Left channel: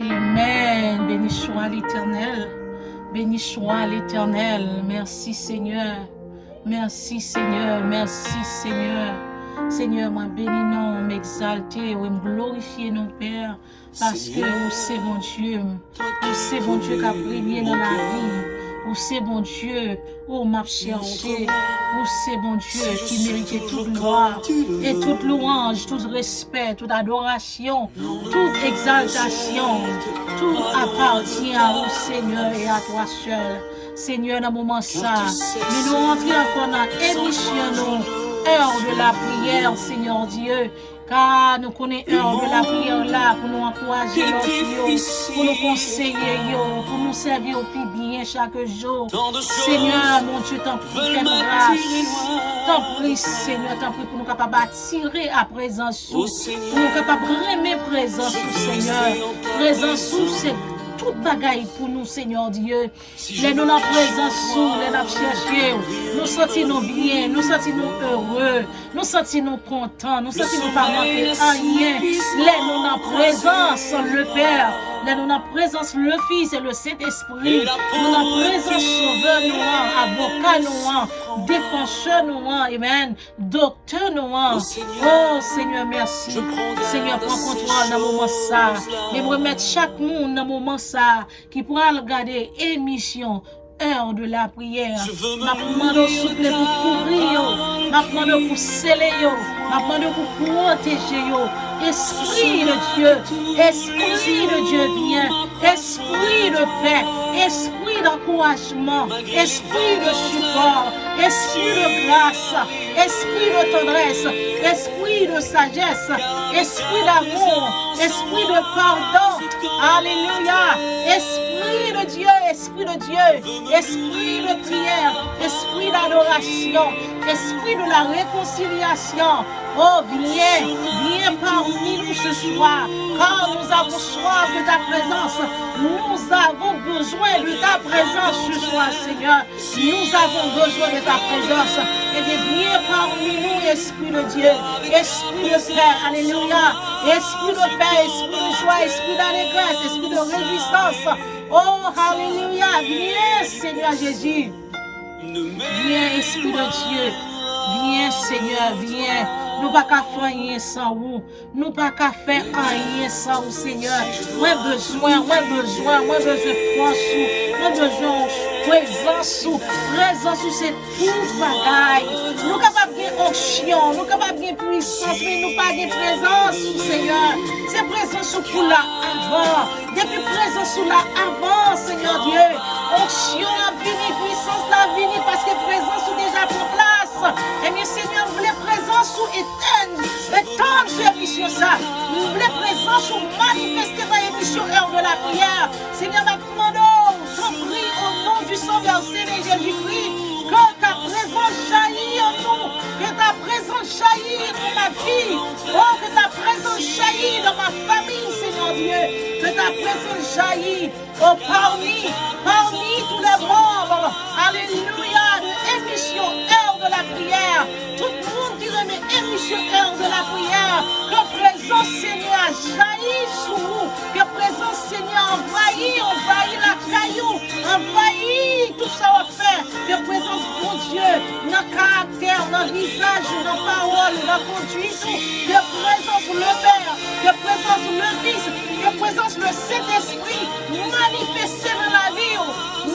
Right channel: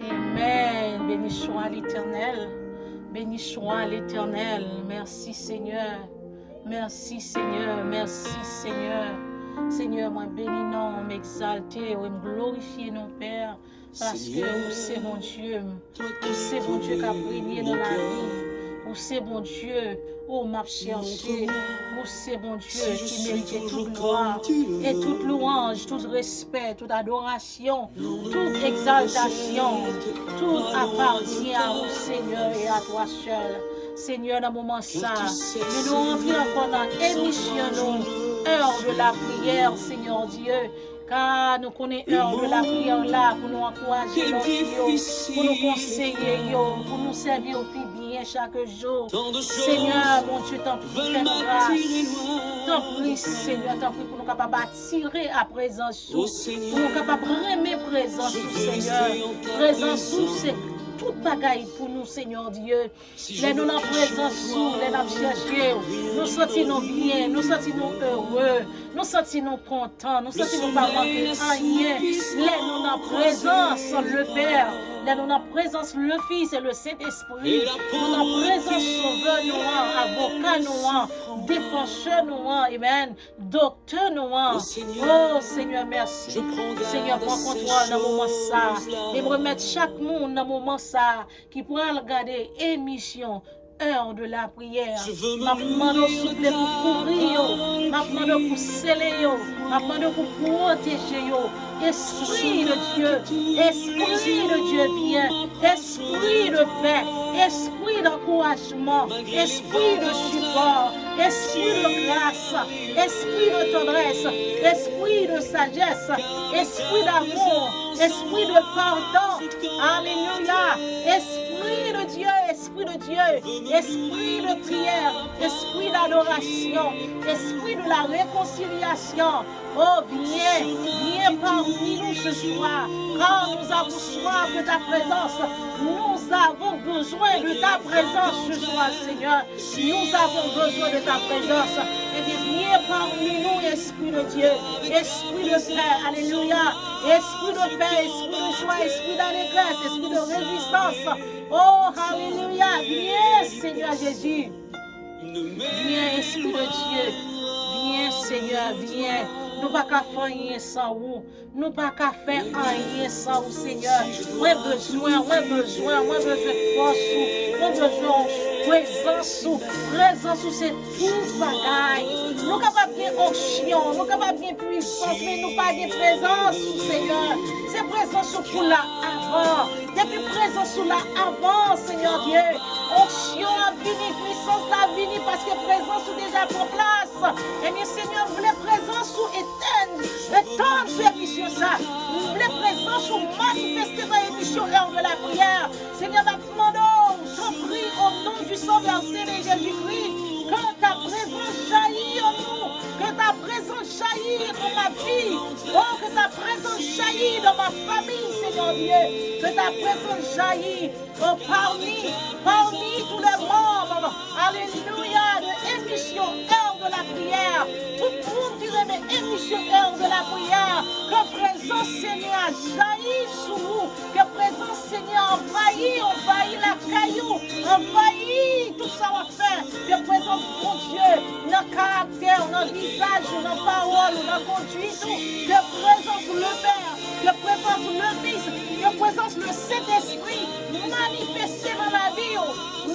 Amen. Béni soit l'Éternel. Béni soit l'Éternel. Merci Seigneur. Merci Seigneur. Merci Seigneur. Seigneur, moi bénis non, m'exalter, ou me glorifier non Père, parce que vous c'est bon Dieu. Vous c'est bon Dieu qui a brillé dans la vie. Vous c'est bon Dieu. Oh, m'a cherché. Vous c'est bon Dieu qui mérite toute gloire et toute louange, tout respect, toute adoration, toute exaltation. Tout appartient à vous, Seigneur, et à toi seul. Seigneur, dans le moment ça, mais nous rentrons encore dans l'émission, heure de la prière, Seigneur Dieu. Car nous connaissons l'heure de la prière là pour nous encourager l'autre, pour nous conseiller, pour nous servir au plus bien chaque jour. Seigneur, mon Dieu, t'en prie, fais-nous grâce. T'en prie, Seigneur, t'en prie pour nous capables d'attirer à présence, pour nous capables de remettre présence, Seigneur. Présence, c'est toute bagaille pour nous, Seigneur Dieu. Les nous en présence, les nous chercher, nous sentons bien, nous sentons heureux, nous sentons contents, nous sentons pas manquer rien. Les nous en présence, le Père. Là, nous en présence le Fils et le Saint-Esprit. Nous en présence sauveur nous, avocat nous, défenseur nous, amen, docteur nous. Oh Seigneur, merci. Seigneur, prends contrôle dans le moment ça. Et remettre chaque monde dans le moment ça qui pourra regarder émission. Heure de la prière. Ma demande souple pour couvrir, ma demande pour sceller, ma demande pour protéger. Esprit de Dieu vient. Esprit de paix, esprit d'encouragement, esprit de support, esprit de grâce, esprit de tendresse, esprit de sagesse, esprit d'amour, esprit de pardon. Alléluia. Esprit de Dieu, esprit de prière, esprit d'adoration, esprit de la réconciliation. Oh, viens parmi nous ce soir, car nous avons soif de ta présence. Nous avons besoin de ta présence ce soir, Seigneur. Nous avons besoin de ta présence. Et bien, viens parmi nous, Esprit de Dieu, Esprit de paix, alléluia, Esprit de paix, Esprit de joie, Esprit d'allégresse, Esprit de réjouissance. Oh, alléluia, viens, Seigneur Jésus. Viens, Esprit de Dieu. Viens, Seigneur, viens. Nous ne pouvons pas faire rien sans vous. Nous ne pouvons pas faire rien sans vous, Seigneur. Moi, besoin force. Moi, besoin présence. Présence, c'est tout bagaille. Nous sommes capables de onction, nous sommes capables de puissance, mais nous pas de présence, Seigneur. C'est présence pour là avant. Depuis présence là avant, Seigneur Dieu. Onction a venu, puissance a venu parce que présence déjà prend place. Eh bien, Seigneur, nous voulons présence étendre cette émission ça. Nous voulons présence manifester dans l'émission heure de la prière. Seigneur, nous demandons, t'en prie au nom du Sauveur Seigneur Jésus-Christ, que ta présence jaillit en nous, que ta présence jaillit dans ma vie, oh, que ta présence jaillit dans ma famille, Seigneur Dieu, que ta présence jaillit, oh, parmi tous les membres, alléluia, de émission heure de la prière, tout le monde qui remet émission heure de la prière, que présence Seigneur jaillit sous vous, que présence Seigneur envahit la caillou, envahit tout ça on fait, que présence mon Dieu, dans le caractère, dans le visage, dans la parole, dans la conduite, que présence le Père, que présence le Fils, que présence le Saint-Esprit, manifester dans la vie,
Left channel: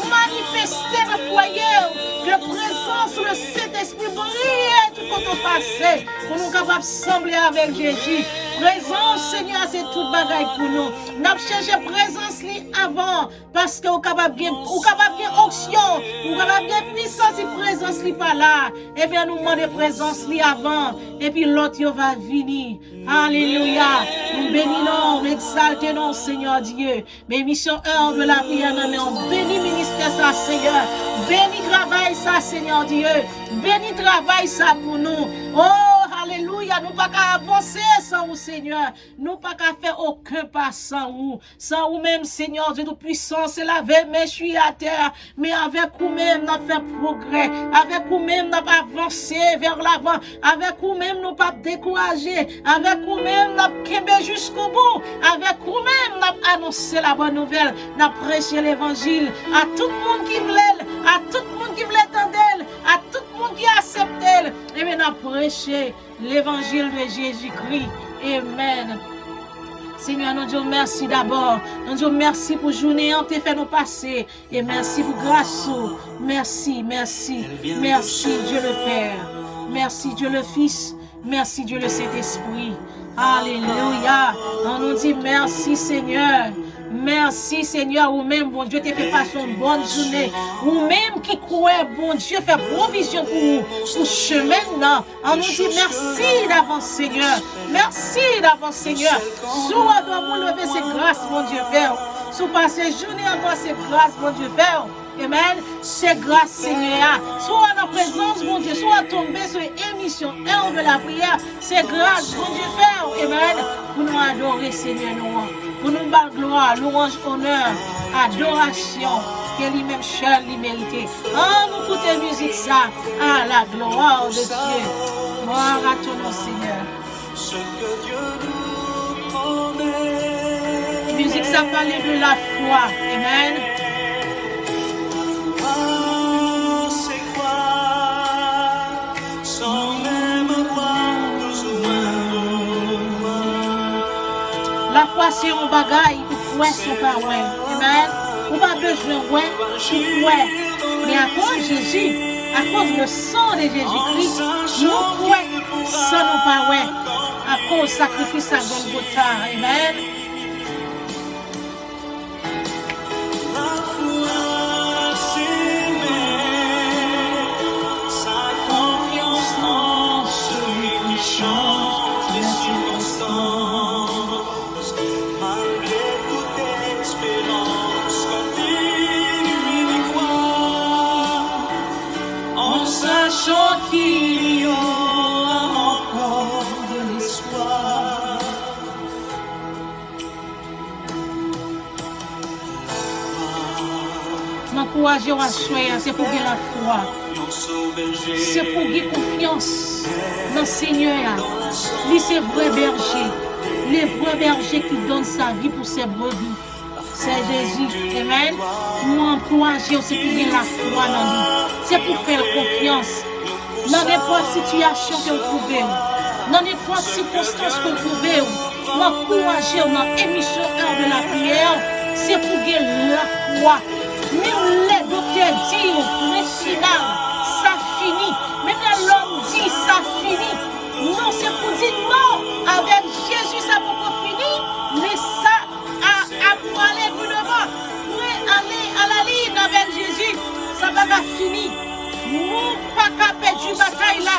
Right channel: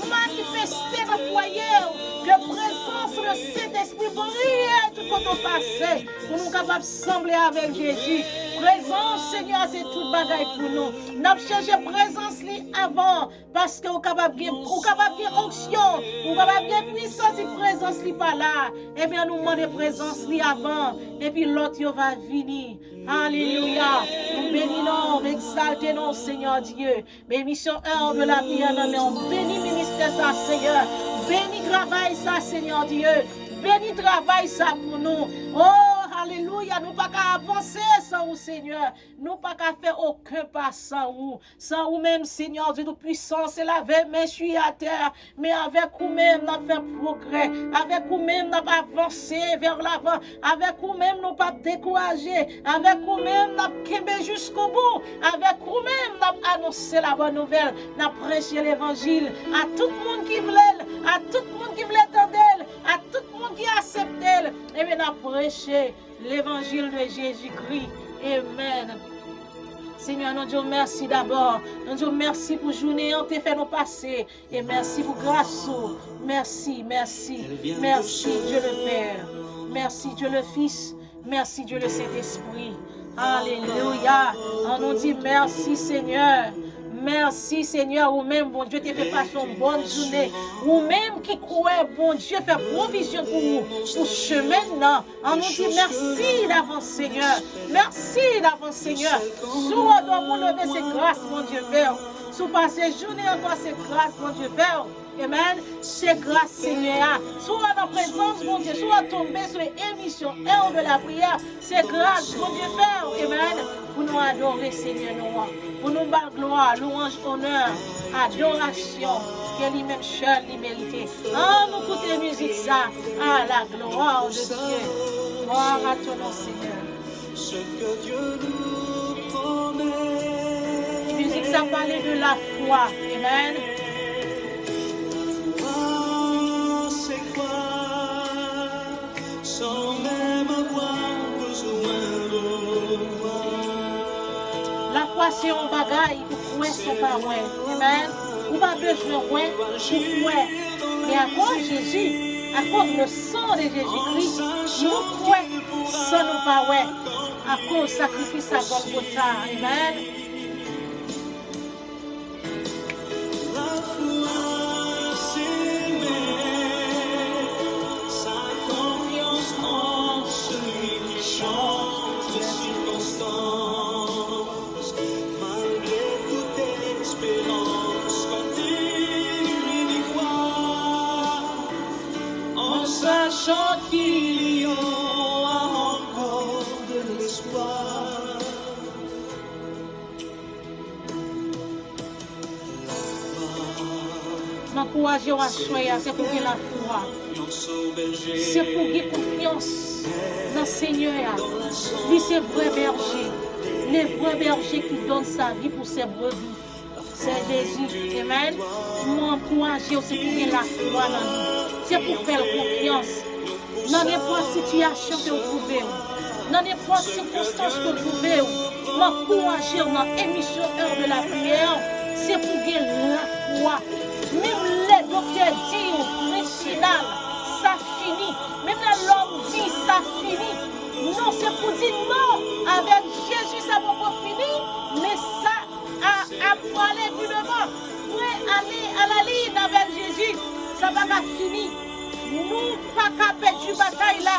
manifester dans le foyer, que présence le Saint-Esprit brille tout quand on passe, pour nous capables de sembler avec Jésus. Présence, Seigneur, c'est toute bagaille pour nous. Nous avons cherché présence avant, parce que nous sommes capables de onction, nous sommes capables de puissance et présence n'est pas là. Eh bien, nous demandons présence avant, et puis l'autre va venir. Alléluia. Nous bénissons, nous exaltons, Seigneur Dieu. Mes missions heure de la prière, mais on bénit ministère ça, Seigneur. Bénis travail ça, Seigneur Dieu. Bénis travail ça pour nous. Oh, alléluia. Nous ne pouvons pas avancer sans vous, Seigneur. Nous ne pouvons pas faire aucun pas sans vous. Sans vous-même, Seigneur Dieu, de puissance, c'est la veille, mais je suis à terre. Mais avec vous-même, nous fait progrès. Avec vous-même, nous avancé vers l'avant. Avec vous-même, nous pas décourager. Avec vous-même, nous kembe jusqu'au bout. Avec vous-même, capable d'annoncer la bonne nouvelle, n'a prêché l'évangile à tout le monde qui voulait, à tout le monde qui voulait entendre, à tout le monde qui acceptait. Et bien, n'a prêché l'évangile de Jésus-Christ. Amen. Seigneur, nous disons merci d'abord. Nous disons merci pour journée en fait nous passer. Et merci pour grâce. Merci, merci, merci Dieu le Père. Merci Dieu le Fils. Merci Dieu le Saint-Esprit. Alléluia. On nous dit merci Seigneur. Merci Seigneur, ou même bon Dieu te fait passer une bonne journée. Ou même qui croit, bon Dieu fait provision pour nous, pour chemin là. On nous dit merci d'avance Seigneur. Merci d'avance Seigneur. Sous on doit vous lever ces grâces, mon Dieu Père. Sous passer journée encore ces grâces, mon Dieu Père. Amen. C'est grâce, Seigneur. Soit en présence, mon Dieu, soit tomber sur l'émission 1 de la prière. C'est grâce, mon Dieu, Père. Amen. Pour nous adorer, Seigneur, nous. Pour nous battre gloire, louange, honneur, adoration. Que lui-même seul, lui mérite. Nous écoutez musique, ça. À la gloire de Dieu. Gloire à ton nom, Seigneur. Musique, ça parlait de la foi. Amen. La foi, c'est un bagaille pour croire son pas ouais. Amen. On n'a pas besoin de ouais pour croire. Mais à cause de Jésus, à cause du sang de Jésus-Christ, nous croyons sans nous pas ouais. À cause du sacrifice à Golgotha. Amen. Sachant qu'il y a encore de l'espoir. M'encourager à soigner, c'est pour gagner la foi. C'est pour gagner confiance dans le Seigneur. Lui, c'est vrai berger. Les vrais bergers qui donnent sa vie pour ses brebis. C'est Jésus. Amen. M'encourager, c'est pour gagner la foi dans lui. C'est pour faire confiance dans n'importe situation que vous trouvez, dans n'importe circonstance que vous trouvez, m'encourager dans l'émission heure de la prière, c'est pour gagner la foi. Même les docteurs disent au final, ça finit. Même l'homme dit, ça finit. Non, c'est pour dire non, avec Jésus, ça va pas finir, mais ça a aller plus devant. Pour aller à la ligne avec Jésus, ça va pas finir. Nous pas qu'à perdre la bataille là.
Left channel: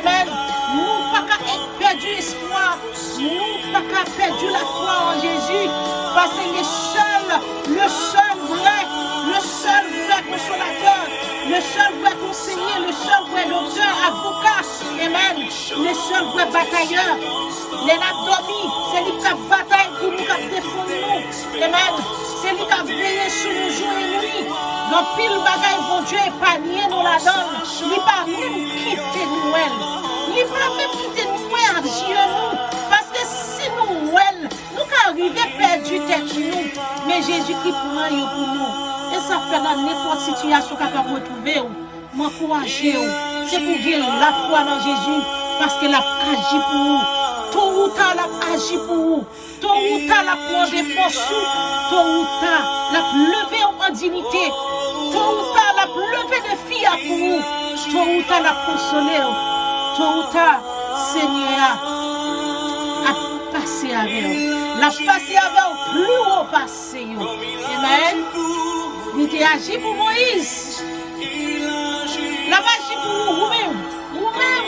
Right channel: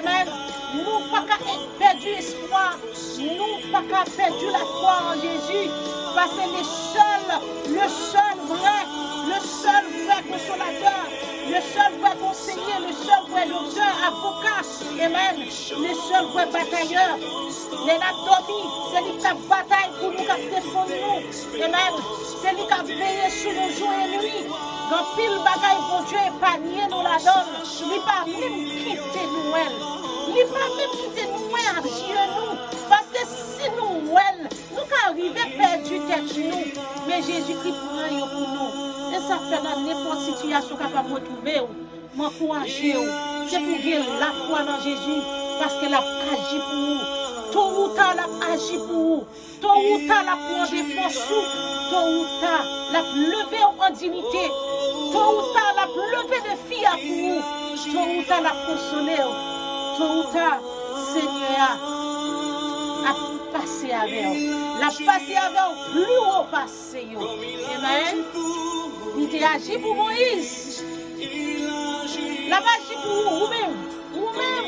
Amen. Nous pas qu'à perdre l'espoir. Nous pas qu'à perdre la foi en Jésus. Parce que le seul vrai consolateur, le seul vrai conseiller, le seul vrai docteur, avocat, amen. Le seul vrai batailleur. Les abdominaux, c'est lui qui a bataille pour nous, qui a défendu nous. Amen. C'est lui qui a veillé sur nos jours et nuits. Donc, pile bagaille, bon Dieu, épargné nous la donne. Il n'a pas même quitté nous. Il n'a pas même quitté nous à nous. Parce que si nous, nous arrivons à perdre tête nous. Mais Jésus-Christ prend pour nous. Et ça fait dans n'importe situation qu'on peut retrouver. M'encourager. C'est pour dire la foi dans Jésus. Parce qu'il a agi pour vous. Tôt ou tard, il a agi pour vous. Tôt ou tard, il a pris des forces. Tôt ou tard, il a levé en dignité. Tôt ou tard, il a levé des filles pour vous. Tôt ou tard, il a consolé. Tôt ou tard, Seigneur a passé avec vous. Il a passé avec vous, plus haut passé. Amen. Il a agi pour Moïse. Il a agi pour vous-même. Vous-même.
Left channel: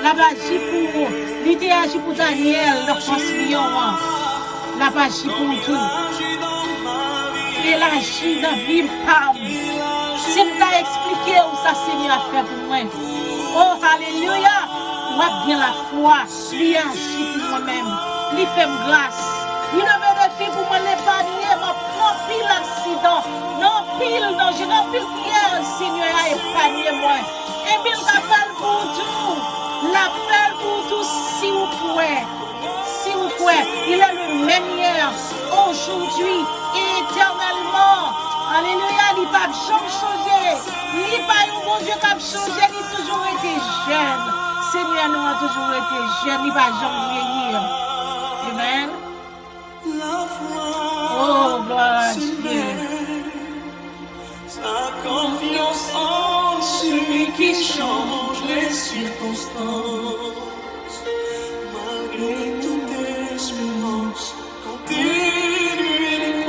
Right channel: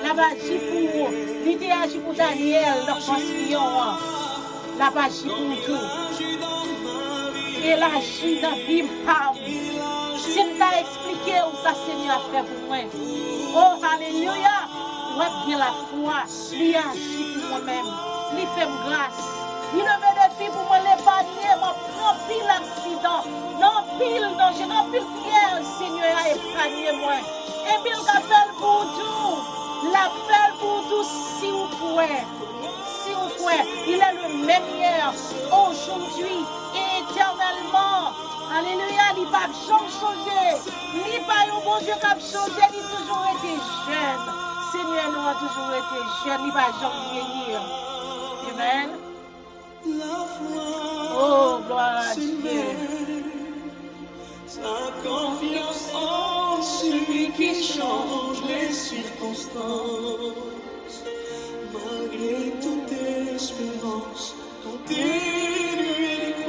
Il a agi pour vous. Il a agi pour Daniel, le postillon. Il a agi pour tout. Il agit dans la vie par si je t'ai expliqué où ça Seigneur a fait pour moi. Oh, alléluia. Moi, bien la foi. Il agit pour moi-même. Il fait grâce. Il ne veut de faire pour moi l'épargner. Non, pile accident. Non, pile danger. Non, pile pierre. Seigneur a épargné moi. Et il l'appelle pour tout. L'appelle pour tout si vous pouvez. Si vous pouvez. frère, il est le même hier, aujourd'hui et éternellement. Alléluia, il n'a pas changé. Il n'a pas un bon Dieu qui a changé, il a toujours été jeune. Seigneur nous a toujours été jeune, il n'a pas jamais vieillir. Amen. Oh, gloire à Dieu. Sa confiance en celui qui change les circonstances. Malgré toute espérance, continue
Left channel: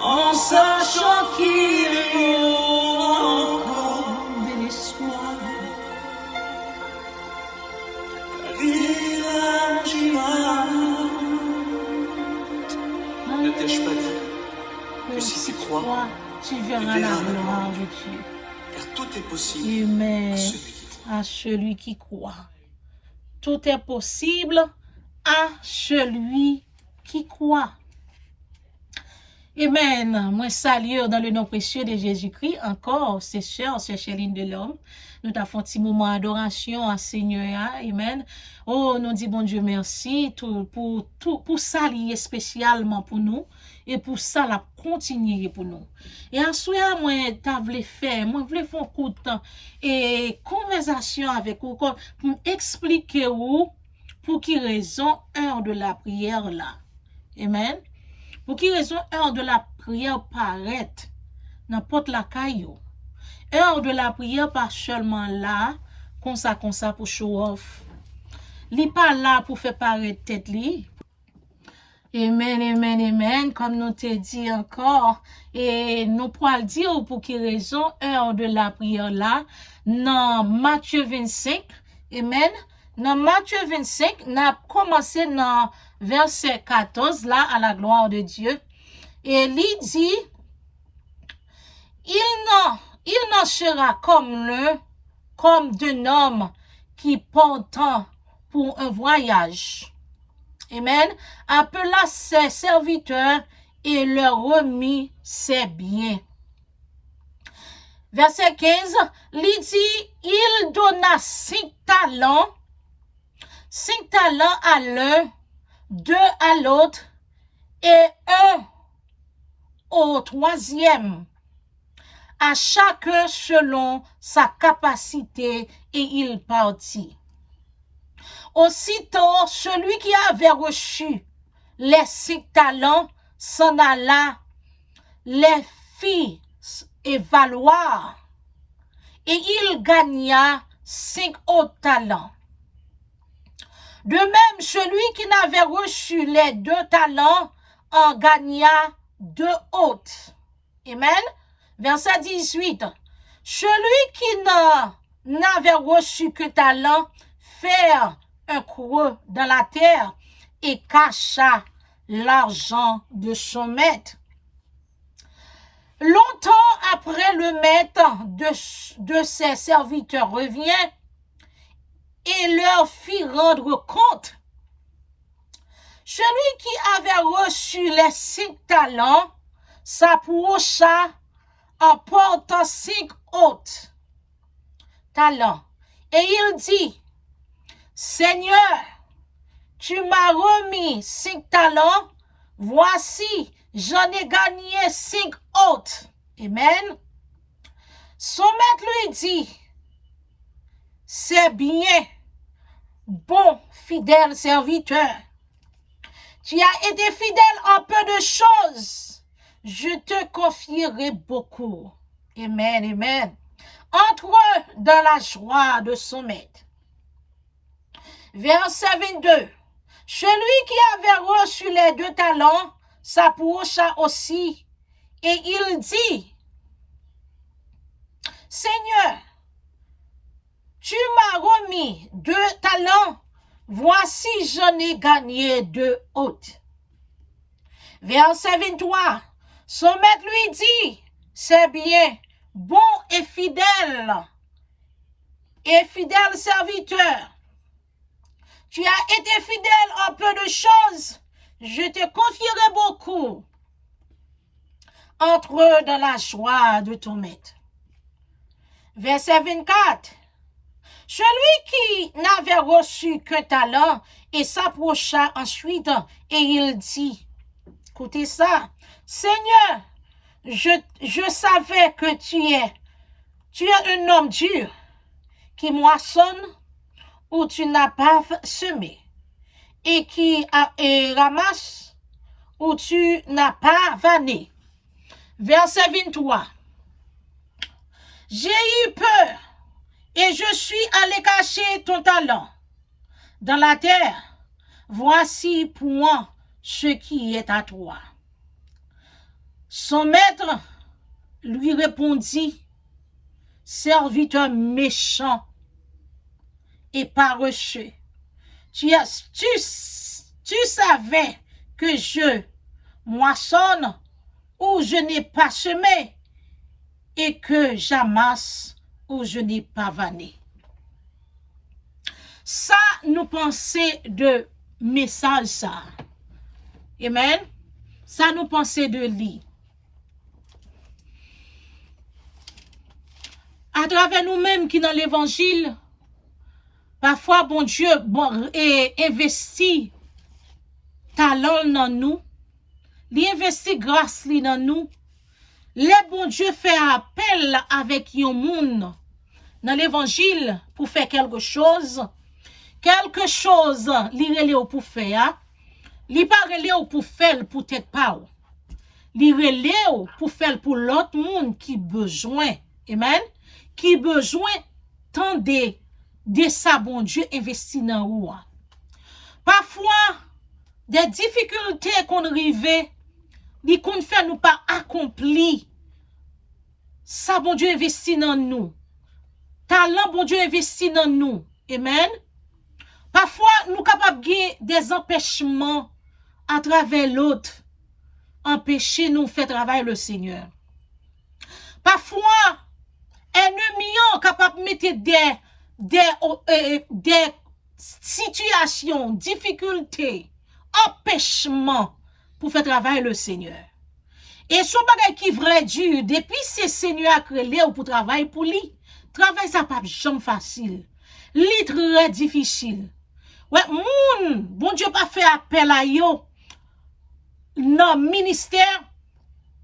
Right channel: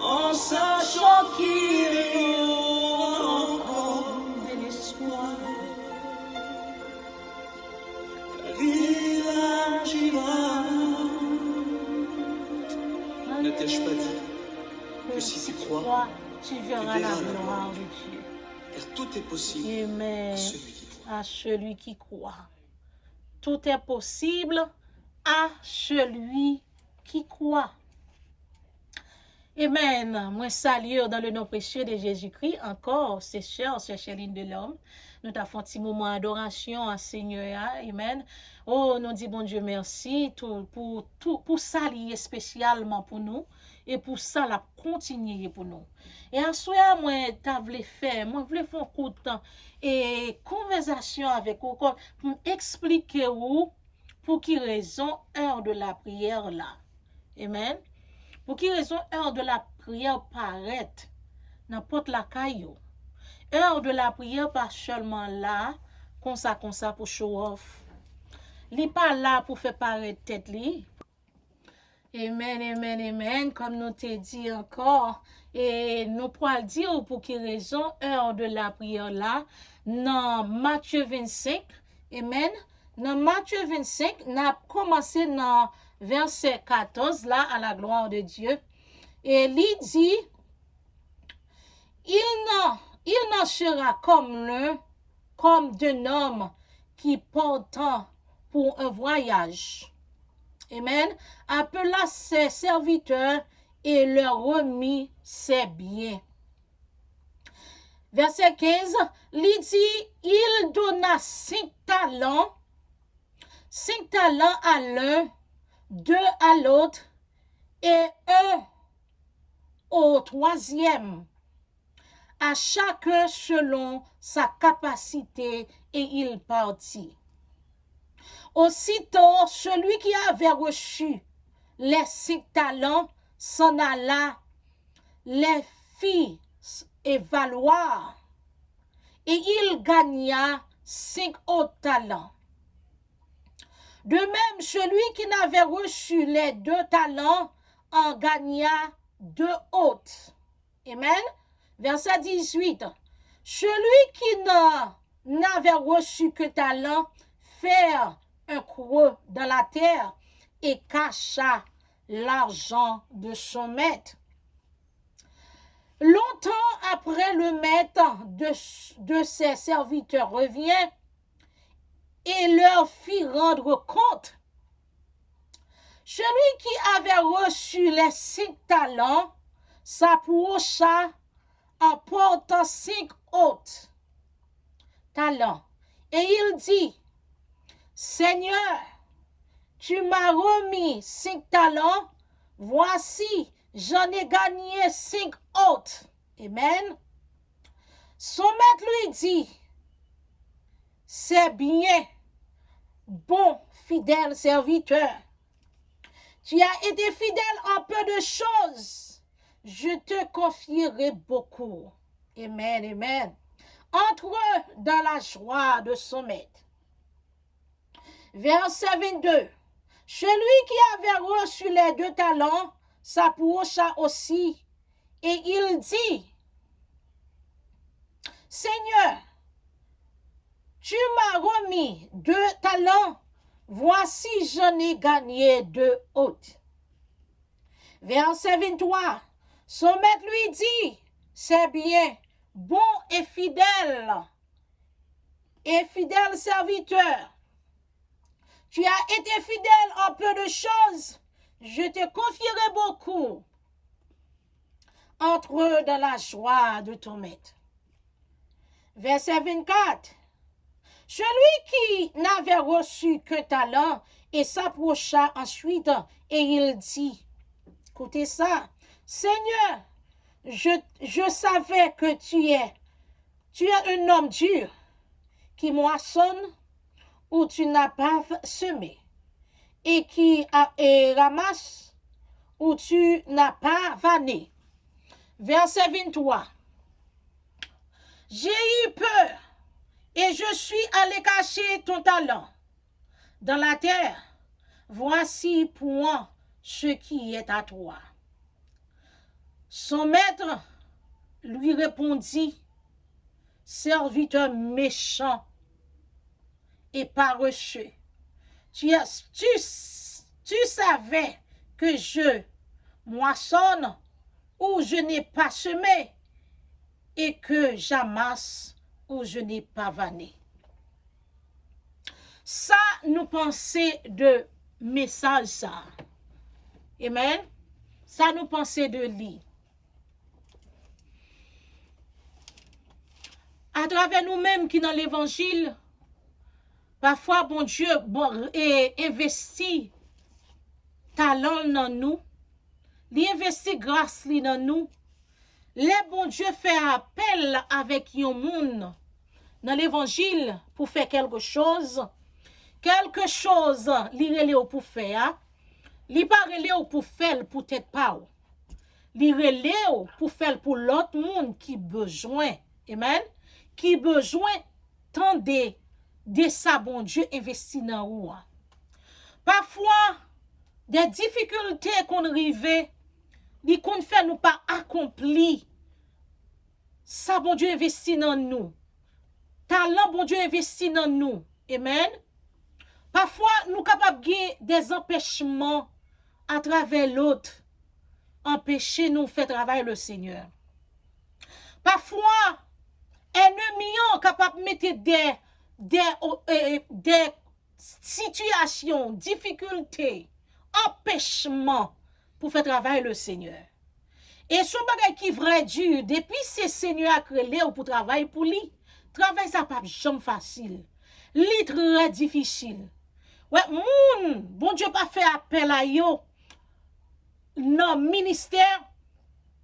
en sachant qu'il y aura encore de l'espoir. Il agira. Ne t'ai-je pas dit que si tu crois, tu verras la gloire de Dieu. Car tout est possible Amen. À celui qui croit. Tout est possible à celui qui croit. Amen. Moi salue dans le nom précieux de Jésus-Christ encore, c'est sœurs, c'est Chéline de l'homme. Nous t'avons un petit moment d'adoration à Seigneur. Amen. Oh, nous disons bon Dieu merci pour ça lié spécialement pour nous et pour ça la continuer pour nous. Et à ce moment moi t'avais fait, moi voulais faire un coup de temps et conversation avec vous pour expliquer vous pour qui raison heure de la prière là. Amen. Pour qui raison heure de la prière paraît n'importe la caillou. Heure de la prière pas seulement là, comme ça pour show off. Li pas là pour faire paraître tête li. Amen, amen, amen, comme nous te dit encore. Et nous pourrons dire pour qui raison heure de la prière là, dans Matthieu 25, amen. Dans Matthieu 25, nous avons commencé dans verset 14 là, à la gloire de Dieu. Et il dit, il n'en sera comme d'un homme qui partant pour un voyage. Amen. Appela ses serviteurs et leur remit ses biens. Verset 15, il dit, il donna 5 talents à l'un, 2 à l'autre, et 1 au troisième, à chacun selon sa capacité, et il partit. Aussitôt, celui qui avait reçu les 5 talents s'en alla, les fit évaluer, et il gagna 5 autres talents. De même, celui qui n'avait reçu les 2 talents en gagna 2 autres. Amen. Verset 18. Celui qui n'avait reçu que talent fit un creux dans la terre et cacha l'argent de son maître. Longtemps après, le maître de ses serviteurs revient et leur fit rendre compte. Celui qui avait reçu les 5 talents s'approcha en portant 5 autres talents. Et il dit, Seigneur, tu m'as remis 5 talents, voici, j'en ai gagné 5 autres. Amen. Son maître lui dit, c'est bien, bon, fidèle serviteur. Tu as été fidèle en peu de choses, je te confierai beaucoup. Amen, amen. Entre dans la joie de son maître. Verset 22. Celui qui avait reçu les 2 talents s'approcha aussi et il dit, Seigneur, tu m'as remis 2 talents, voici j'en ai gagné 2 autres. Verset 23. Son maître lui dit, c'est bien, bon et fidèle serviteur. Tu as été fidèle en peu de choses, je te confierai beaucoup. Entre dans la joie de ton maître. Verset 24. Celui qui n'avait reçu qu'un talent et s'approcha ensuite et il dit, écoutez ça, Seigneur, je savais que tu es un homme dur qui moissonne où tu n'as pas semé et qui ramasse où tu n'as pas vanné. Verset 23. J'ai eu peur et je suis allé cacher ton talent dans la terre. Voici pour moi ce qui est à toi. Son maître lui répondit, serviteur méchant et paresseux, tu savais que je moissonne où je n'ai pas semé et que j'amasse où je n'ai pas vanné. Ça, nous pensons de message ça. Amen. Ça, nous pensons de lui. À travers nous-mêmes qui dans l'évangile, parfois, bon Dieu investit talent dans nous, il investit grâce dans nous. Le bon Dieu fait appel avec un monde dans l'évangile pour faire quelque chose li relé pour faire, li pas relé pour faire peut-être pas. Li relé pour faire pour l'autre monde qui besoin. Amen. Qui besoin tant de ça bon Dieu investi dans ou. Parfois des difficultés qu'on rive, li qu'on fait nous pas accompli. Ça bon Dieu investi dans nous. Talent bon Dieu investi dans nous. Amen. Parfois, nous sommes capables de des empêchements à travers l'autre, empêcher nous de faire travailler le Seigneur. Parfois, ennemis sont capables de mettre des situations, difficultés, empêchements pour faire travailler le Seigneur. Et son bagage qui est vrai dur, depuis ce Seigneur a créé pour travailler pour lui, travail ça pas jamais facile. Li très difficile. Ouais, bon Dieu pas fait appel à yo. Non, ministère,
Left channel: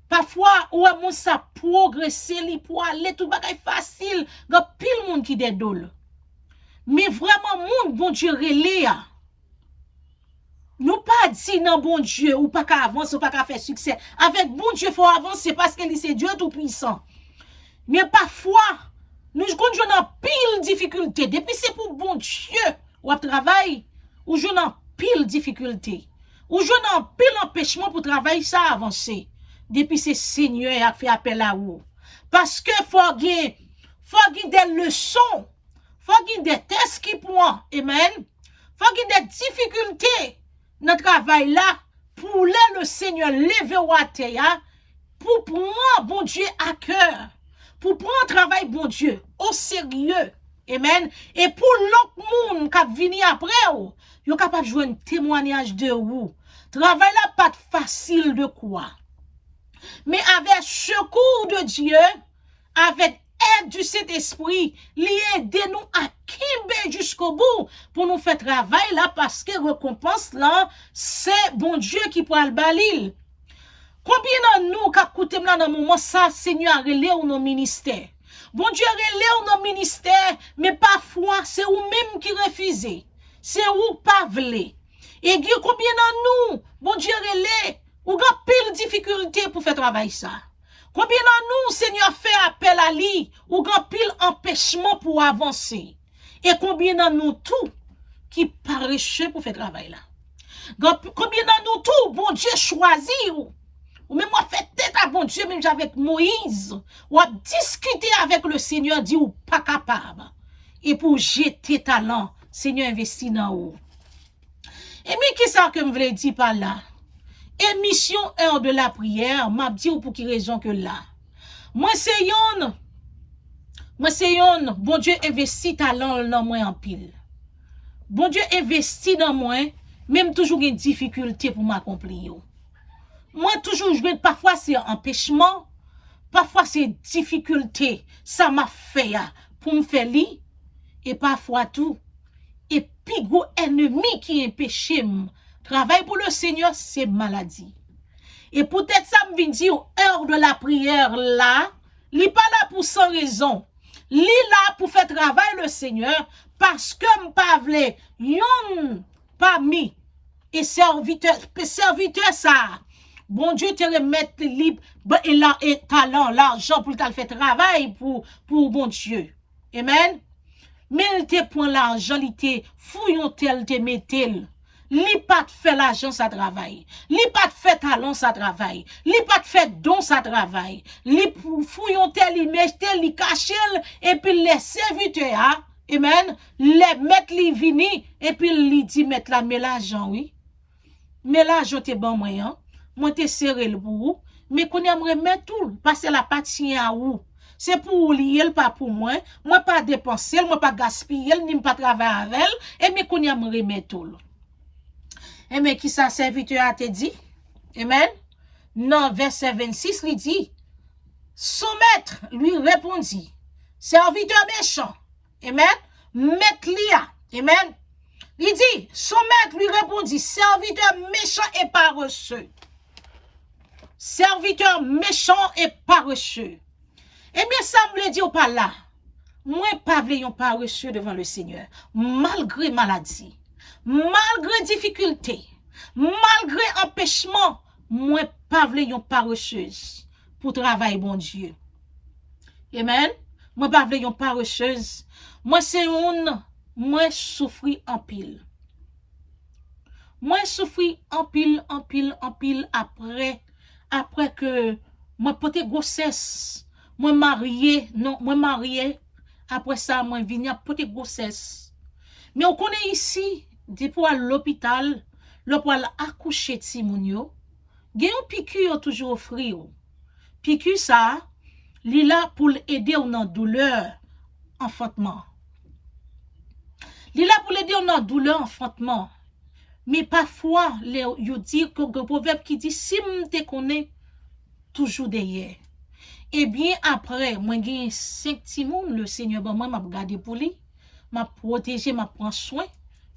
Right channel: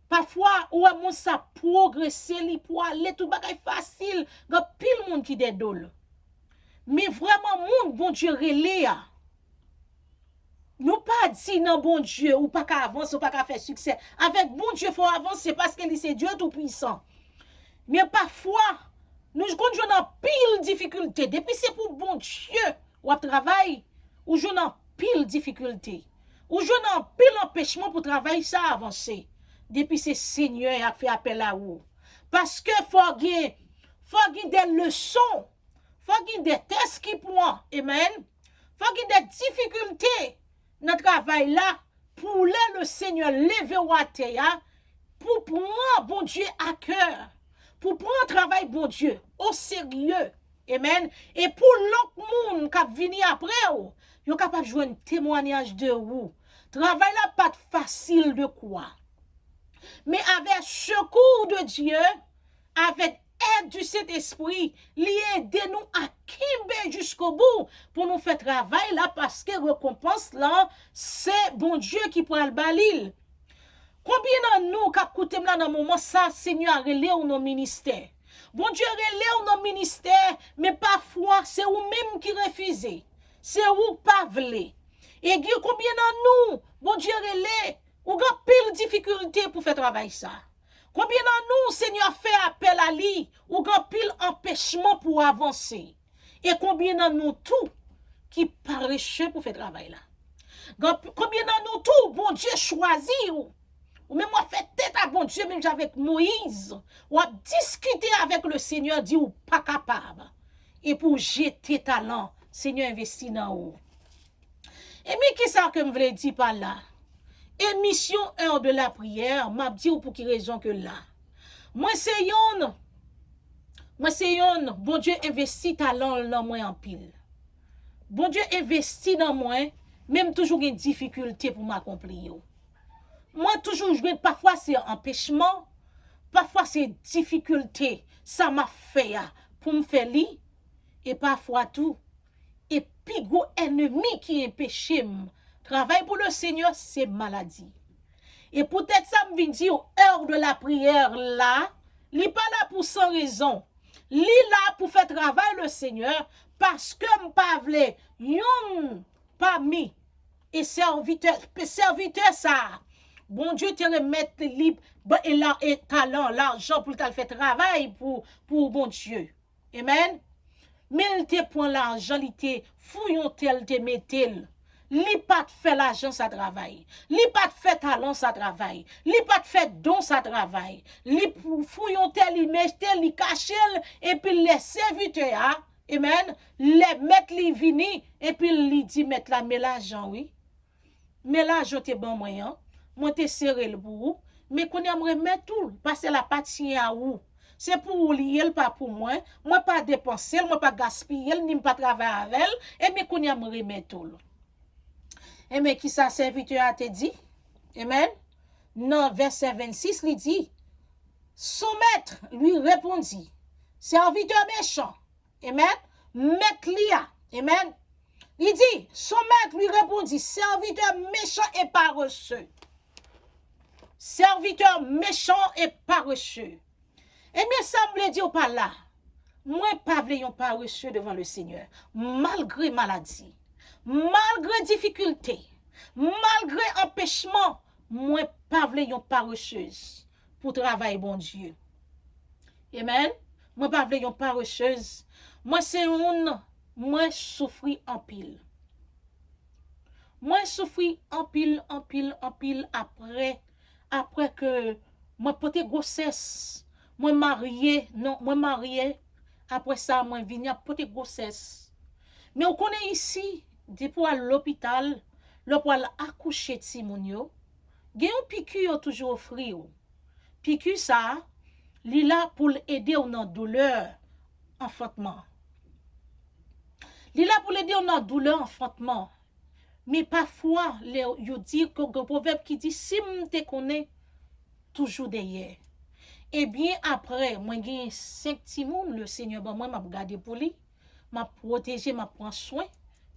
parfois, ouais, moun ça progresser, li pour aller, tout bagay facile, gan pile moun qui dédole. Mais vraiment, moun, bon Dieu relé ya. Nous pas dit non, bon Dieu, ou pas qu'à avancer, ou pas qu'à faire succès. Avec bon Dieu, faut avancer parce que c'est Dieu tout puissant. Mais parfois, nous jouons dans pile difficulté. Depuis c'est pour bon Dieu, ou travail, ou jouons dans pile difficulté. Ou jouons dans pile empêchement pour travailler ça avancer. Depuis c'est Seigneur a fait appel à vous. Parce que faut gagner des leçons, faut gagner des tests qui point. Amen. Faut gagner des difficultés dans le travail là pour le Seigneur lever au terre pour prendre bon Dieu à cœur. Pour prendre travail, bon Dieu, au sérieux. Amen. Et pour l'autre monde qui vient après, vous êtes capable de jouer un témoignage de vous. Travail là, pas facile de quoi. Mais avec secours de Dieu, avec aide du Saint-Esprit, aidez nous à kimber jusqu'au bout pour nous faire travail là parce que récompense là, c'est bon Dieu qui prend le balil. Combien de nous qui écoutons dans le moment ça, Seigneur a relé ou nos ministères? Bon Dieu relé ou nos ministères, mais parfois c'est vous-même qui refusez. C'est vous pas voulez. Et combien de nous, bon Dieu relé, ou avez pile difficulté pour faire travail ça? Combien de nous, Seigneur fait appel à lui, ou avez pile empêchement pour avancer? Et combien de nous tout qui parachent pour faire travail là? Combien de nous tout, bon Dieu choisit ou même moi fait tête à bon Dieu, même avec Moïse, ou a discuté avec le Seigneur, dit ou pas capable. Et pour jeter talent, Seigneur investit dans vous. Et mais qu'est-ce que je voulais dire par là? Émission 1 de la prière, m'a dit pour qui raison que là. Moi c'est yon, bon Dieu investit talent dans moi en pile. Bon Dieu investit dans moi, même toujours une difficulté pour m'accomplir. Moi, toujours, parfois c'est empêchement, parfois c'est difficulté. Ça m'a fait pour me faire li. Et parfois tout. Et puis, gros ennemi qui est péché, travail pour le Seigneur, c'est maladie. Et peut-être ça me vient dire, heure de la prière là, il n'est pas là pour sans raison. Il est là pour faire travail le Seigneur, parce que m'pavle, yon parmi et serviteur ça. Bon Dieu te remettre libre et là et talent, l'argent pour le faire travail pour bon Dieu. Amen. Mais il te prend l'argent, il te fouillon tel te mettel. Li pas te fait l'argent ça travail. Li pas te fait talent ça travail. Li pas te fait don ça travail. Li fouillon tel il met tel il cache et puis les serviteurs amen, les mettre li vini et puis li dit mettre la mais l'argent oui. Mais l'argent te bon moyen. Moi te serré le pour mais qu'on aimerait mettre tout parce que la partie à où c'est pour lier pas pour moi pas dépenser moi pas gaspiller ni pas travailler avec elle et mais qu'on aimerait mettre tout. Et mais qui ça serviteur a te dit? Amen. Non, verset 26, il dit, son maître lui répondit, serviteur méchant. Amen. Maître lia. Amen. Il dit, son maître lui répondit, serviteur méchant et paresseux. Serviteur méchant et paresseux. Eh bien, ça me dit ou pas là. Moi, pas voulons paresseux devant le Seigneur. Malgré maladie, malgré difficulté, malgré empêchement, moi, pas voulons paresseuse pour travailler, bon Dieu. Amen. Moi, pas voulons paresseuse. Moi, c'est moi, souffri en pile. Moi, souffri en pile après que moi, porté grossesse. Moi, marié, non, moi, marié. Après ça, moi, venu porté grossesse. Mais on connaît ici, depuis à l'hôpital, pour accoucher de Simonio, il y a un piqûre toujours offrir. Piqûre ça, il est là pour aider dans la douleur enfantement. Il est là pour aider dans la douleur enfantement. Mais parfois, il dit que le proverbe qui dit, si je te connais, toujours derrière. Et bien après, moi, j'ai 5 timons, le Seigneur, moi, m'a gardé pour lui, m'a protégé, m'a pris soin,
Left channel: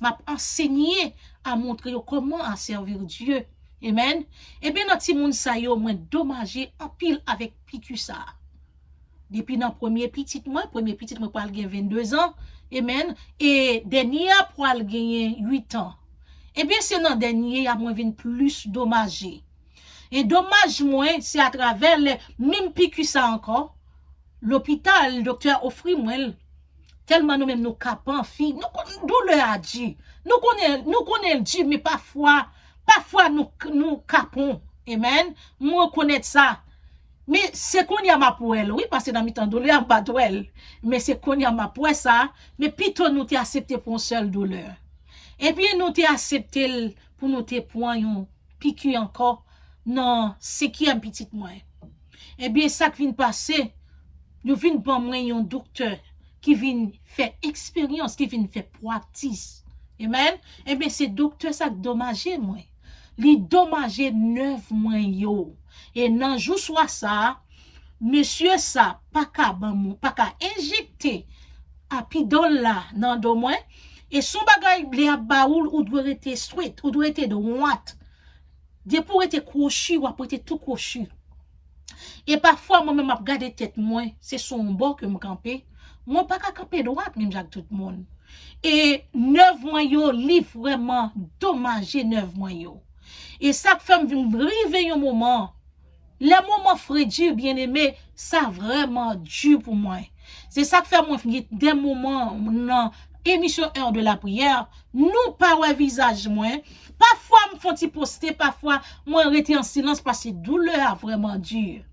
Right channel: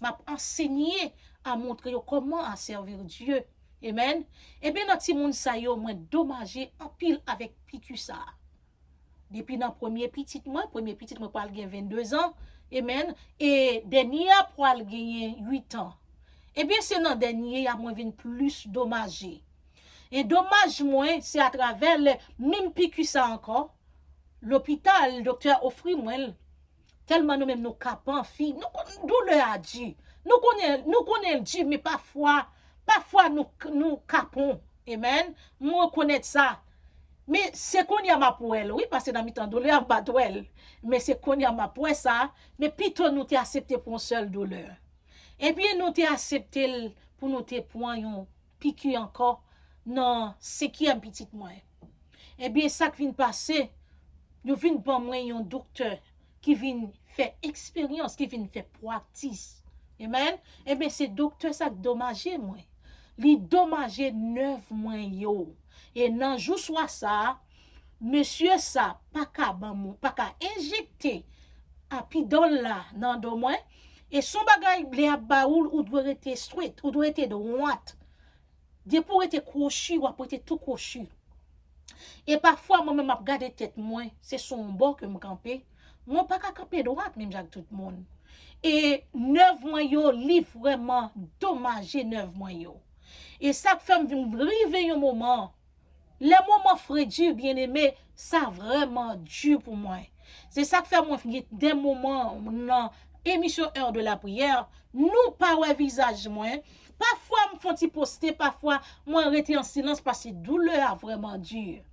m'a enseigné à montrer comment à servir Dieu. Amen. Et bien, notre timon, ça y est, moi, dommagé en pile avec piqûre ça. Depuis dans premier petit moi, pour gagner 22 ans. Amen. Et dernier, pour gagner 8 ans. Eh bien, c'est dans dernier, à moins plus dommagé. Et dommage, moi, c'est à travers les même piqûre ça encore. L'hôpital, le docteur offre moi, tellement nous-mêmes nous capons, fille, nous douleur a dit. Nous connaissons Dieu, mais parfois nous capons. Amen. Moi, connaître ça. Mais c'est qu'on y a ma pour elle, oui, parce que dans mi temps douleur, pas elle. Mais c'est qu'on y a ma pour ça. Mais plutôt nous t'ai accepté pour une seule douleur. Et puis nous t'ai accepté pour nous t'ai point yon piqûre encore. Non, c'est qui un petit moins. Eh bien, ça qui vient passer, nous vient pour moi un docteur qui vient faire expérience, qui vient faire practice. Amen. Eh bien, c'est docteur ça qui dommagé moi. Li dommagé 9 mois yo. Et nan jou soit ça, monsieur ça, pas qu'à injecter à pidol là, nan do moins. Et son bagay blé à baoul ou doit être straight, ou doit être de droite. De pour être crochu ou après tout crochu. Et parfois, moi-même, je regarde tête moi, c'est son bord que je campe. Moi, pas qu'à camper droite, même avec tout le monde. Et 9 mois, yo, li vraiment dommagé 9 mois. Yo. Et ça fait me river un moment. Les moments frais dur, bien aimé, ça vraiment dur pour moi. C'est ça que fait moi des moments dans émission 1 de la prière, nous pas un visage moi. Parfois me font poster, parfois moi rester en silence parce que douleur a vraiment dur.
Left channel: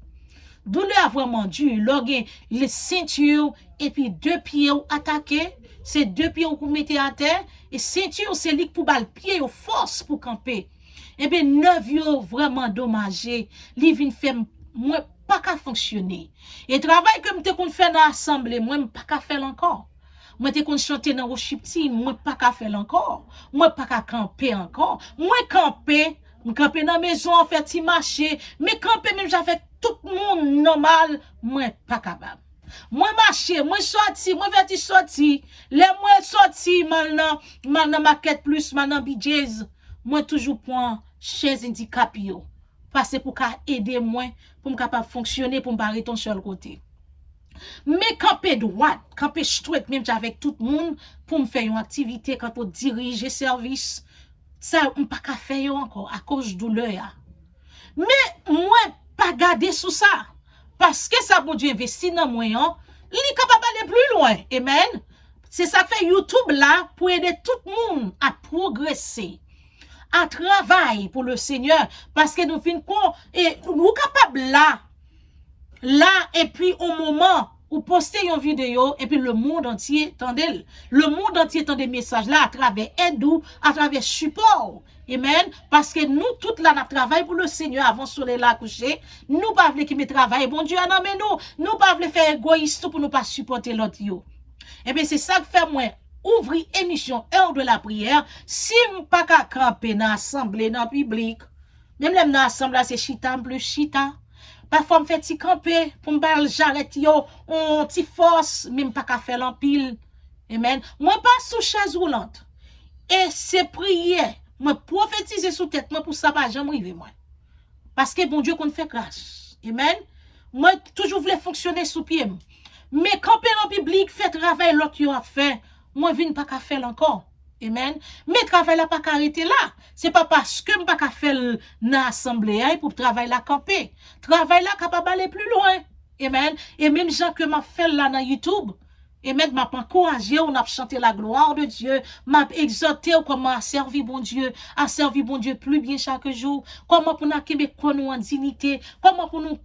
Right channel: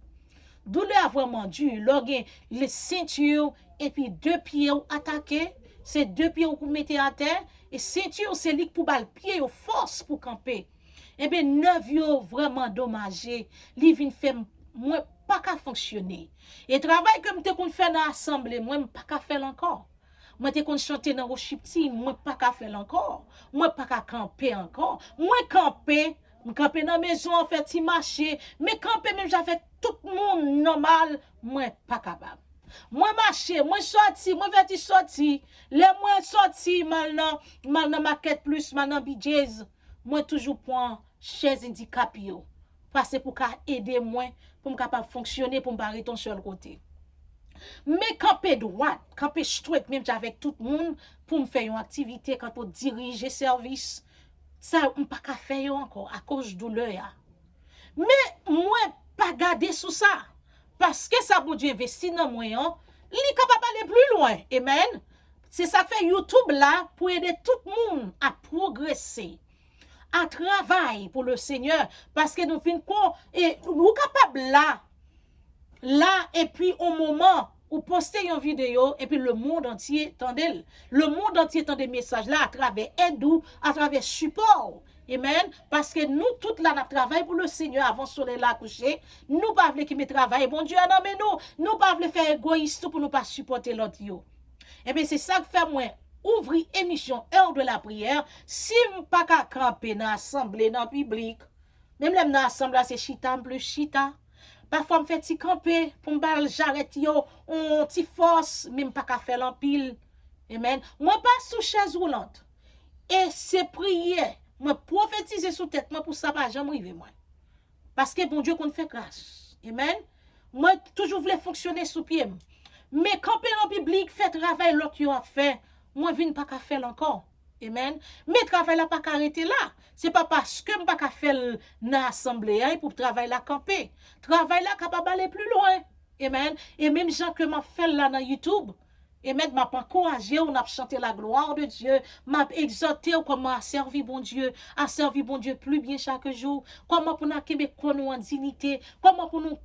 Douleur a vraiment dur. Lorsque les ceintures et puis 2 pieds attaqués, c'est 2 pieds pour mettre à terre et ceinture c'est lit pour bal pied au force pour camper. Et bien 9 yo vraiment dommagé, li vinn fait moi pas qu'à fonctionner. Et travail que m'te kon fait dans l'assemblée, moi pas qu'à faire encore. Moi te kon chanter dans worship team, moi pas qu'à faire encore. Moi pas qu'à camper encore. Moi camper dans maison en fait ti marcher, mais camper même j'avais tout le monde normal, moi pas capable. Moi marché, moi sorti, moi veti sorti. Les moi sorti, maintenant market plus, maintenant BJ's. Moi toujours prends chaise handicap yo. Parce pour qu'à aider moi, pour me capable fonctionner, pour me barrer ton seul côté. Mais camper droite, camper straight, même avec tout le monde, pour me faire une activité, quand pour diriger service, ça, on pas qu'à faire encore, à cause de douleur. Mais, moi, pas garder sous ça. Parce que ça, bon Dieu investi dans moi, hein, il est capable d'aller plus loin. Amen. C'est ça que fait YouTube là, pour aider tout le monde à progresser, à travailler pour le Seigneur. Parce que nous finissons, et nous capables là, et puis au moment où poster une vidéo, et puis le monde entier tendait, le monde entier tend des messages là, à travers aide, à travers support. Amen. Parce que nous, toutes là, nous travaillons pour le Seigneur avant le soleil là coucher. Nous pas voulons qu'il travaille. Bon Dieu, non, mais nous pas voulons faire égoïste pour nous pas supporter l'autre. Et bien, c'est ça que fait moi. Ouvrir émission heure de la prière. Si je pas qu'à camper dans l'assemblée, dans le public, même dans l'assemblée, c'est chita plus chita. Parfois, je fais petit camper pour me parler, j'arrête yo, on petit force, même pas qu'à faire l'empile. Amen. Moi, pas sous chaise roulante. Et c'est prière. Moi, prophétiser sous tête, moi, pour ça, pas jamais arriver, moi. Parce que bon Dieu, qu'on fait grâce. Amen. Moi, toujours voulais fonctionner sous pied. Mais camper en public, fait travail, l'autre qui a fait, moi, je ne pas qu'à faire encore. Amen. Mais travail là pas arrêter là. C'est pas parce que je pas qu'à faire dans l'assemblée pour travail là camper. Travail là capable d'aller plus loin. Amen. Et même gens que m'a fait là dans YouTube. Et maintenant, m'a encouragé, on a chanté la gloire de Dieu, m'a exhorté comment à servir bon Dieu, plus bien chaque jour, comment pour nous nous en dignité, comment pour nous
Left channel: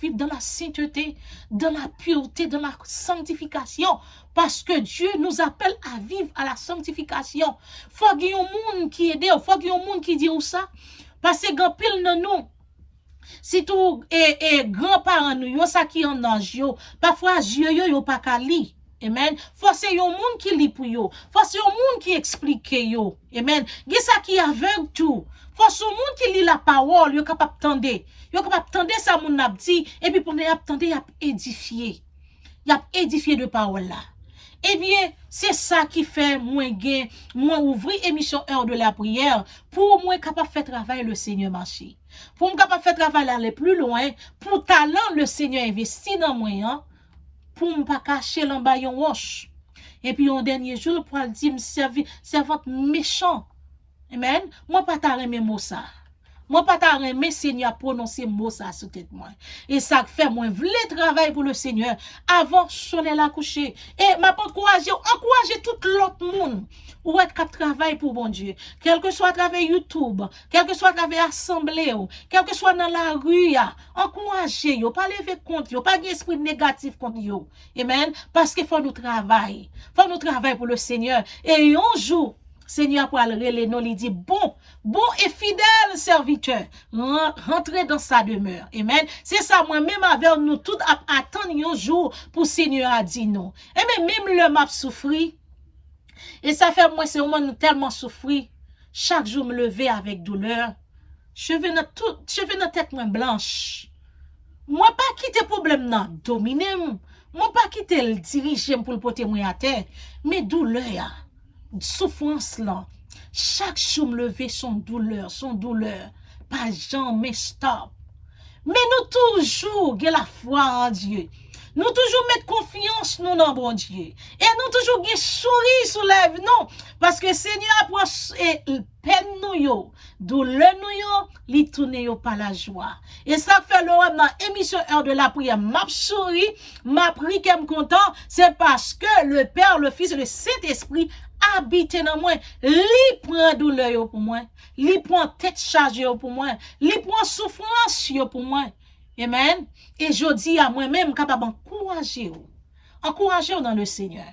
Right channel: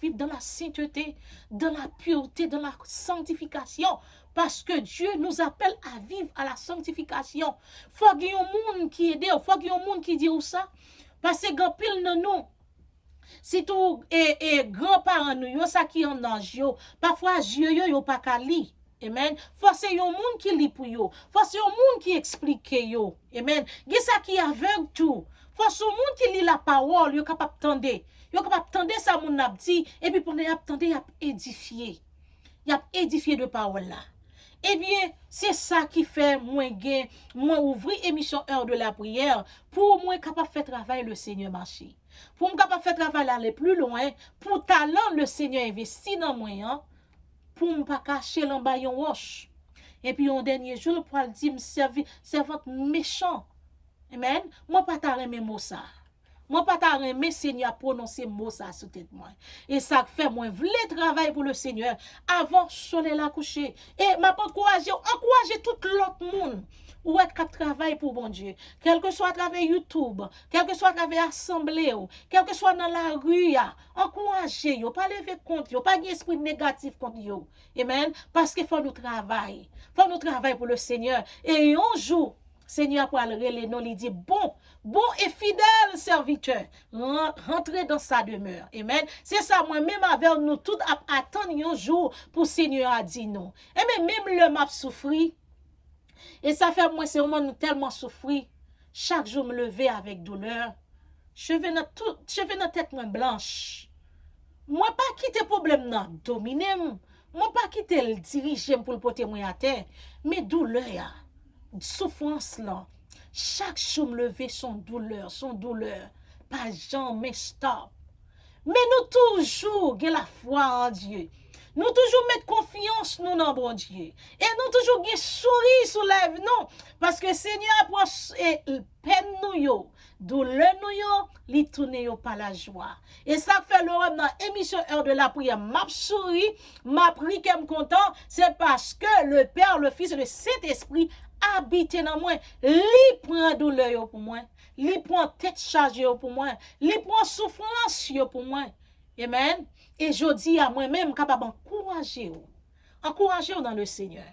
vivre dans la sainteté, dans la pureté, dans la sanctification, parce que Dieu nous appelle à vivre à la sanctification. Faut qu'il y ait un monde qui aide, faut qu'il y ait un monde qui dit ça, parce que grand pile dans nous. Si tout et grands-parents nous, ça qui en âge, parfois yeux yo pas qu'à lire. Amen. Faut c'est un monde qui lit pour yo. Faut c'est un monde qui explique yo. Amen. Gè ça qui aveugle tout. Faut c'est un monde qui lit la parole, yo capable tendre. Yo capable tendre ça moun n'a dit et puis pour y attendre y a édifié. Y a édifié de parole là. Eh bien, c'est ça qui fait moi ouvrir émission heure de la prière pour moi capable faire travail le Seigneur marcher. Pour moi capable faire travail aller plus loin, pour talent le Seigneur investi dans moi hein, pour me pas cacher l'embayon roche. Et puis un dernier jour pour le dire me servante méchant. Amen. Moi pas ta remet mot ça. Moi pas ta remet Seigneur prononcer mot ça sur tête moi. Et ça fait moi vle travail pour le Seigneur avant soleil la coucher. Et m'a encourager tout l'autre monde ou être cap travail pour bon Dieu. Quel que soit à travers YouTube, quel que soit à travers assemblée, quel que soit dans la rue, encourager yo, pas lever contre yo, pas d'esprit négatif contre yo. Amen. Parce qu'il faut nous travailler. Faut nous travailler pour le Seigneur et un jour Seigneur pour le nous lui dit bon et fidèle serviteur, rentrez dans sa demeure. Amen. C'est ça moi-même avec nous tout attendre un jour pour Seigneur a dit non. Et même le m'a souffri. Et ça fait moi c'est moment tellement souffri. Chaque jour me lever avec douleur. Cheveux dans tête moins blanche. Moi pas quitter problème non, dominer moi pas quitter le diriger pour le porter moi à terre, mais douleur. Souffrance là, chaque jour me lever son douleur, pas jamais stop. Mais nous toujours avons la foi en Dieu. Nous toujours mettre confiance nous dans bon Dieu. Et nous toujours avons sourire sous lèvres non parce que Seigneur approche et peine nous yo, douleur nous yo, li tourne yo par la joie. Et ça fait le dans émission heure de la prière, m'a souri, m'a pris qu'aime content, c'est parce que le Père, le Fils et le Saint-Esprit habite dans moi, li prend douleur yo pour moi, li prend tête chargée pour moi, li prend souffrance yo pour moi. Amen. Et je dis à moi-même capable encourager dans le Seigneur.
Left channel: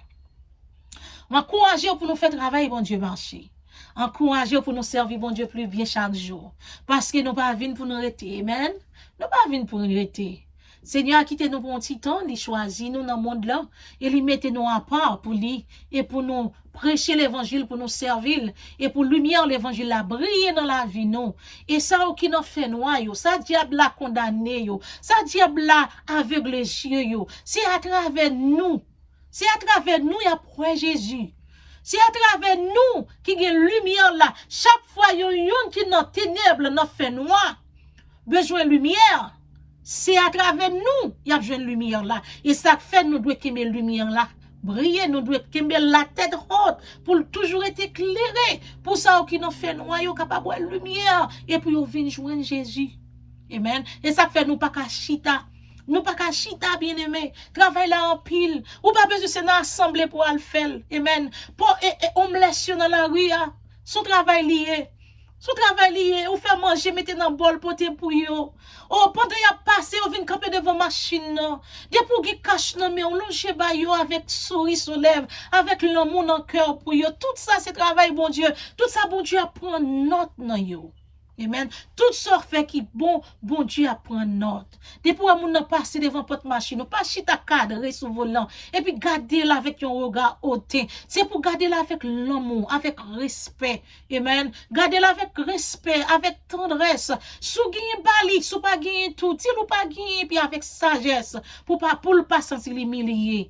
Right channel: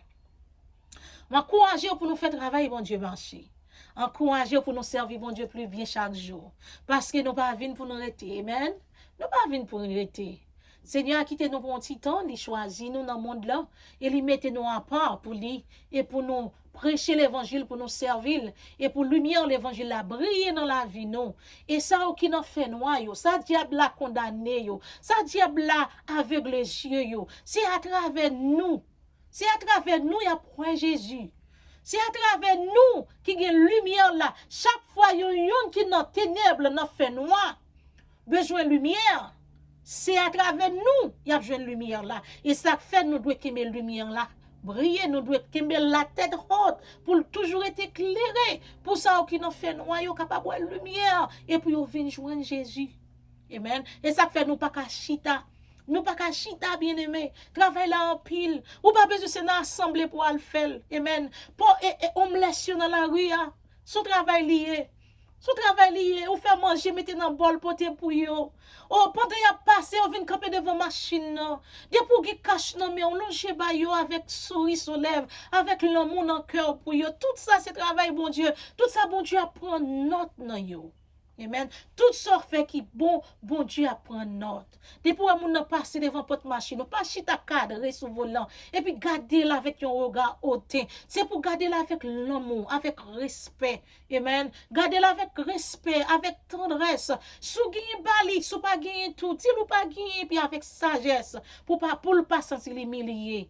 Encourager pour nous faire travail bon Dieu marcher. Encourager pour nous servir bon Dieu plus bien chaque jour parce que nous pas venir pour nous arrêter. Amen. Nous pas venir pour nous arrêter. Seigneur a quitté nous pour un petit temps, il choisit nous dans le monde là, et il mette nous à part pour lui, et pour nous prêcher l'évangile, pour nous servir, et pour lumière l'évangile la briller dans la vie nous. Et ça qui nous fait noir, ça diable la condamné, ça diable la aveugle les yeux, c'est à travers nous, il y a point Jésus. C'est à travers nous qui y a lumière là. Chaque fois, il y a une qui est dans ténèbres, dans fait noir, besoin de lumière. C'est à travers nous, il y a besoin de lumière là. Et ça fait nous devons aimer lumière là. Briller, nous devons aimer la tête haute pour toujours être éclairé. Pour ça, qui nous fait noir, nous capable de lumière. Et puis, nous venons joindre Jésus. Amen. Et ça fait nous pas qu'à chita. Nous pas qu'à chita, bien aimé. Travail là en pile. Ou pas besoin de s'assembler pour le faire. Amen. Pour on me laisse dans la rue. Son travail lié. Son travail lié. Ou fait manger, mettez dans le bol pour yo. Oh, pendant y a passé, on vient camper devant machine. Des pour qui cache non mais on longe ba yo avec souris sur lèvres, avec l'amour dans cœur pour yo. Tout ça c'est travail bon Dieu. Tout ça bon Dieu prend note dans yo. Amen. Tout ça fait qui bon Dieu apprend note. Depuis que nous passons devant votre machine, pas chita cadre sous volant et puis garder là avec un regard hautain. C'est pour garder là avec l'amour, avec respect. Amen. Garder là avec respect, avec tendresse. Sous gagne bali, sous pas gagne tout, si ou pas gagne puis avec sagesse pour le pas sentir humilié.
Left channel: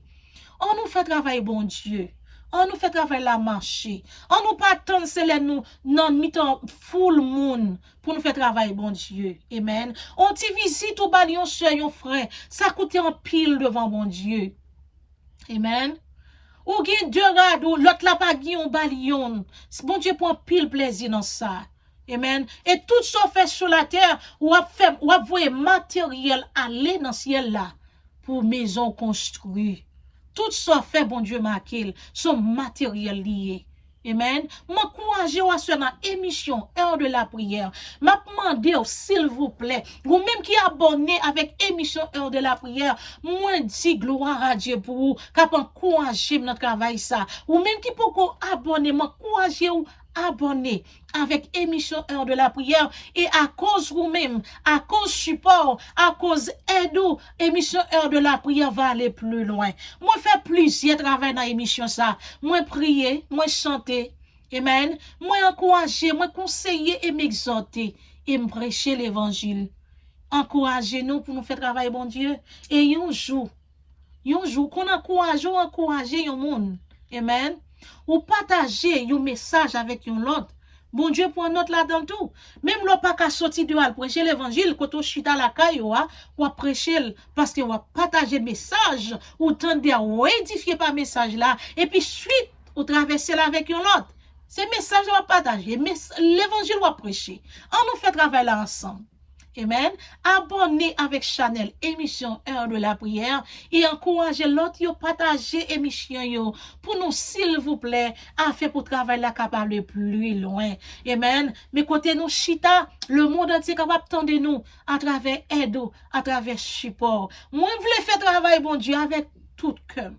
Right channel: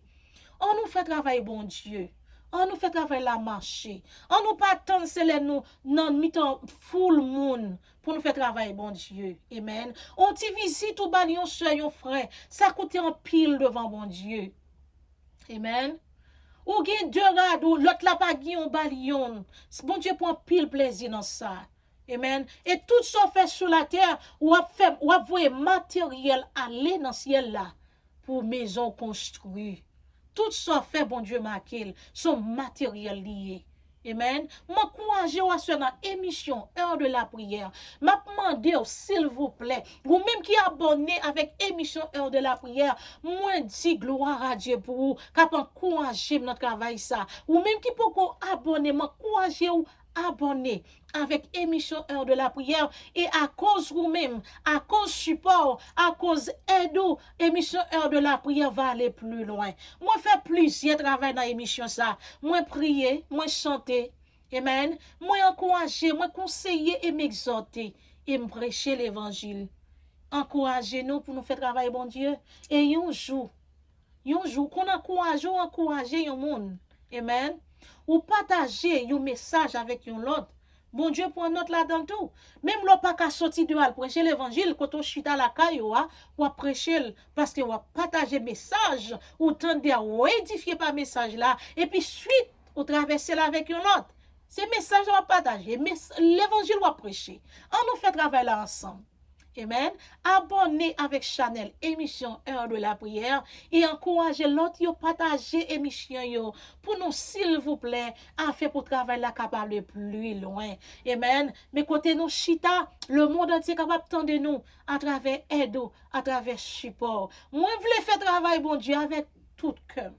On nous fait travail bon Dieu. On nous fait travailler la marché. On nous pas attendre c'est nous non mitan full moon pour nous faire travailler bon Dieu. Amen. On t'y visite ou balion sur yon frère. Ça coûte en pile devant bon Dieu. Amen. Ou gen deux radeaux, l'autre là pas gen on balion. Bon Dieu prend pile plaisir dans ça. Amen. Et tout ça fait sur la terre ou voyer matériel aller dans ciel là pour maison construite. Tout ça fait, bon Dieu, marqué, son matériel lié. Amen. M'encourage à ce dans émission Heure de la prière. M'a demandé s'il vous plaît, vous même qui abonné avec émission Heure de la prière, moi dis gloire à Dieu pour vous, cap encourager notre travail ça. Ou même qui peut abonner, m'encourager ou abonner avec émission Heure de la prière et à cause vous-même, à cause support, à cause aide, émission Heure de la prière va aller plus loin. Moi faire plusieurs travail dans l'émission ça. Moi prier, moi chanter. Amen. Moi encourager, moi conseiller et m'exhorter et me prêcher l'évangile. Encouragez-nous pour nous faire travailler bon Dieu et un jour qu'on encourage un monde. Amen. Ou partager un message avec un autre. Bon Dieu pour un autre là-dedans tout. Même l'on pas qu'à sortir de al prêcher l'évangile, quand on chita la caille, ou prêcher parce que ou partager message, ou tendre ou édifier par message là, et puis suite, ou traverser là avec un autre. Ces messages on partager, l'évangile ou prêcher. On nous fait travailler là ensemble. Amen. Abonnez avec Chanel émission Heure de la prière et encouragez l'autre à partager émission pour nous s'il vous plaît afin pour travailler la capable plus loin. Amen. Mais côté nous chita, le monde entier capable de nous à travers aide, à travers support. Moi je voulais faire travail bon Dieu avec tout cœur,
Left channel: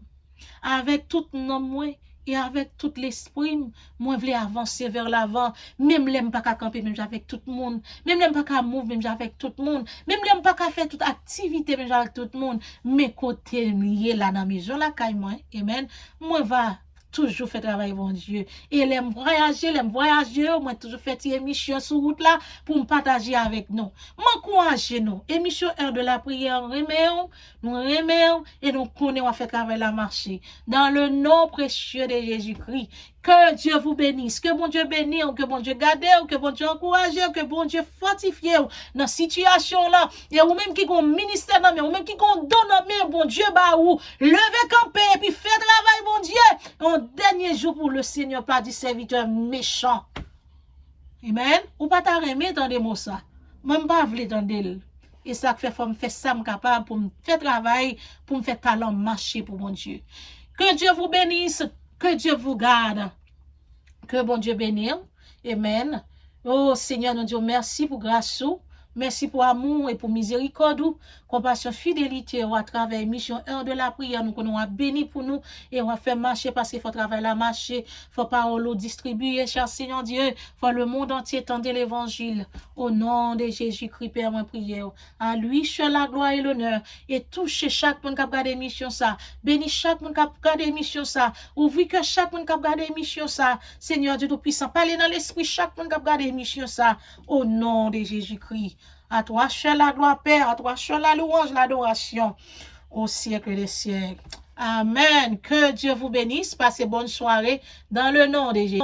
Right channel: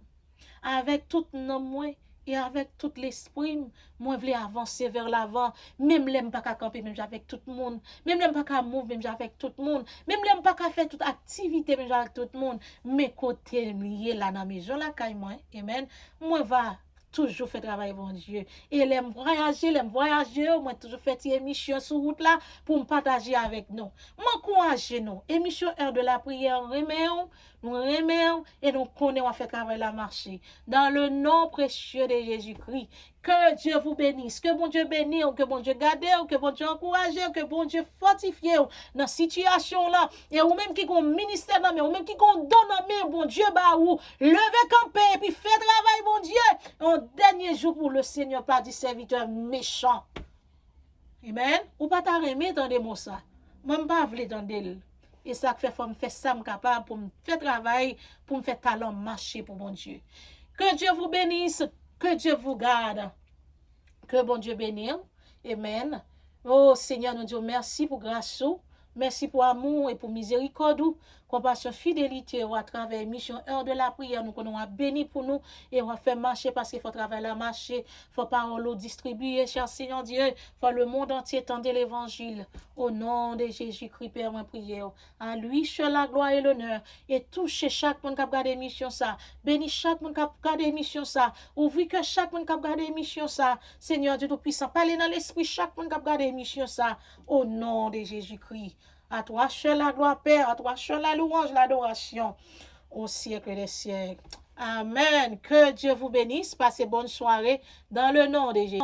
avec tout nom moi. Et avec tout l'esprit, moi, je voulais avancer vers l'avant. Même l'aime pas qu'à camper, même avec tout le monde. Même l'aime pas qu'à mouvoir, même avec tout le monde. Même l'aime pas qu'à faire toute activité, même avec tout le monde. Mais côté lié là dans la maison, là, quand moi, amen. Moi, va toujours faire travail, bon Dieu. Et l'aime voyager, moi, toujours fait une émission sur route là pour me partager avec nous. M'encouragez nous. Émission Heure de la prière, nous remercions et nous connaissons à faire travail la marché. Dans le nom précieux de Jésus-Christ. Que Dieu vous bénisse, que bon Dieu bénisse, que bon Dieu garde, que bon Dieu encourage, que bon Dieu fortifie dans la situation là. Et ou même qui ont ministère dans mais ou même qui ont donné mais bon Dieu bah ou levez camper et puis fait travail bon Dieu. Un dernier jour pour le Seigneur pas du serviteur méchant. Amen. Ou pas t'arrêter dans des mots ça. Même pas vle dans d'elle. Et ça fait faut me faire ça capable pour me faire travail, pour me faire talent marcher pour bon Dieu. Que Dieu vous bénisse. Que Dieu vous garde. Que bon Dieu bénisse. Amen. Oh Seigneur, nous disons merci pour grâce. Merci pour amour et pour miséricorde, compassion, fidélité à travers mission 1 de la prière. Nous qu'on a béni pour nous et on va faire marcher parce qu'il faut travailler la marcher, faut parole distribuer, cher Seigneur Dieu, faut le monde entier tendre l'évangile. Au nom de Jésus-Christ, Père, moi prière. À lui seul la gloire et l'honneur et toucher chaque monde qui a regardé l'émission ça. Bénis chaque monde qui a regardé l'émission ça. Ouvre que chaque monde qui a regardé l'émission ça. Seigneur Dieu Tout-Puissant, parlez dans l'esprit chaque monde qui a regardé l'émission ça. Au nom de Jésus-Christ. À toi seul la gloire, Père. À toi seul la louange, l'adoration. Au siècle des siècles. Amen. Que Dieu vous bénisse. Passez bonne soirée dans le nom de Jésus.